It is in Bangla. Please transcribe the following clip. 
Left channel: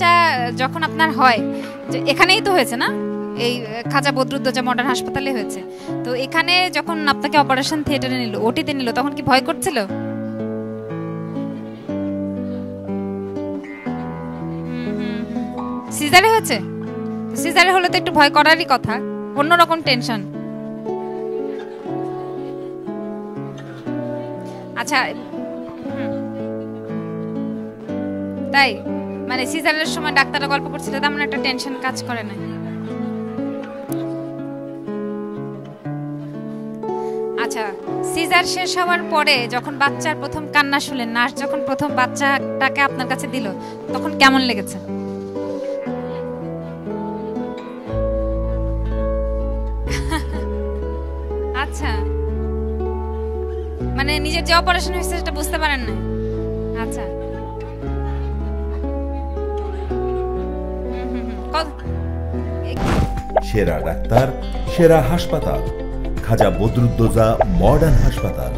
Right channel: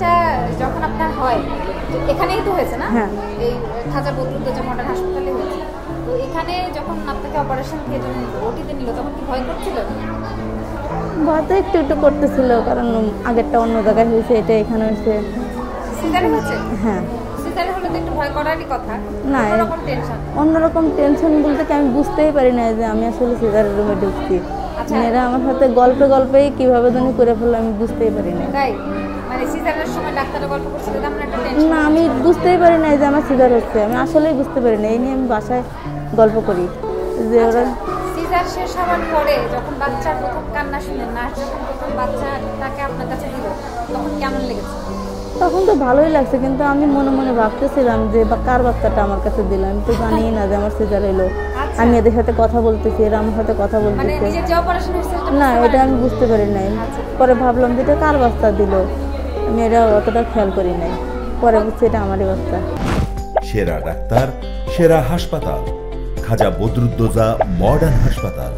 বাচ্চা যখন আপনার হয়, এখানেই তো হয়েছে না? এই খাজা বদরুদ্দোজা মডার্ন হাসপাতালে হয়েছে। তো এখানে যখন আপনাকে অপারেশন থিয়েটারে নিল, ওটিতে নিল, তখন কি ভয় করছিল? ভয় তো একটু একটু করতেছিল, কারণ আগেরটা অন্য জায়গায় হয়েছে, এটা এখানে হয়েছে। সিজারে হয়েছে? হ্যাঁ। সিজারে হলে তো একটু ভয় করারই কথা, অন্যরকম টেনশন। অন্যরকম টেনশন বলতে কি, আমি বুঝতেই পারি না যে আমি আসলে সিজারের রুমে ঢুকছি। আচ্ছা, এরা আমার সাথে গল্পে গল্পেই কিভাবে জানি করে ফেললো, আমি বুঝতেই পারি না। তাই মানে সিজারের সময় ডাক্তাররা গল্প করছিল, তেমন একটা টেনশন কাজ করে? আমি বুঝতেই পারি না যে আমার সিজার হচ্ছে, আমি আসলেই বুঝতে পারি না। এই নিয়ে আমি বাসায় গল্প করি। আচ্ছা, সিজার শেষ হওয়ার পরে যখন বাচ্চার প্রথম কান্না শুনলেন, নার্স যখন প্রথম বাচ্চাটাকে আপনার কাছে দিল, তখন কেমন লেগেছে? তখন তো ভালোই লাগছে, কিন্তু আমি মনে মনে ভাবতেছিলাম যে কার বাচ্চাটা আমার কাছে দিলাম, তো জানি না যে আমার সিজার এলো। আমি এদের সাথে কথা বলতেছি, এরা আমার সাথে কথা বলতেছে, মানে নিজের যে অপারেশন হয়েছে সেটা বুঝতে পারি না, আমি বুঝতে পারি নাই। পরে ভাবলাম যে এটা কার বাচ্চা দিল, আমি এটা অতটা খেয়াল করি নাই। পরে বুঝছি এটা আমারই বাচ্চা। সেরা ডাক্তার, সেরা হাসপাতাল, খাজা বদরুদ্দোজা মডার্ন হাসপাতাল।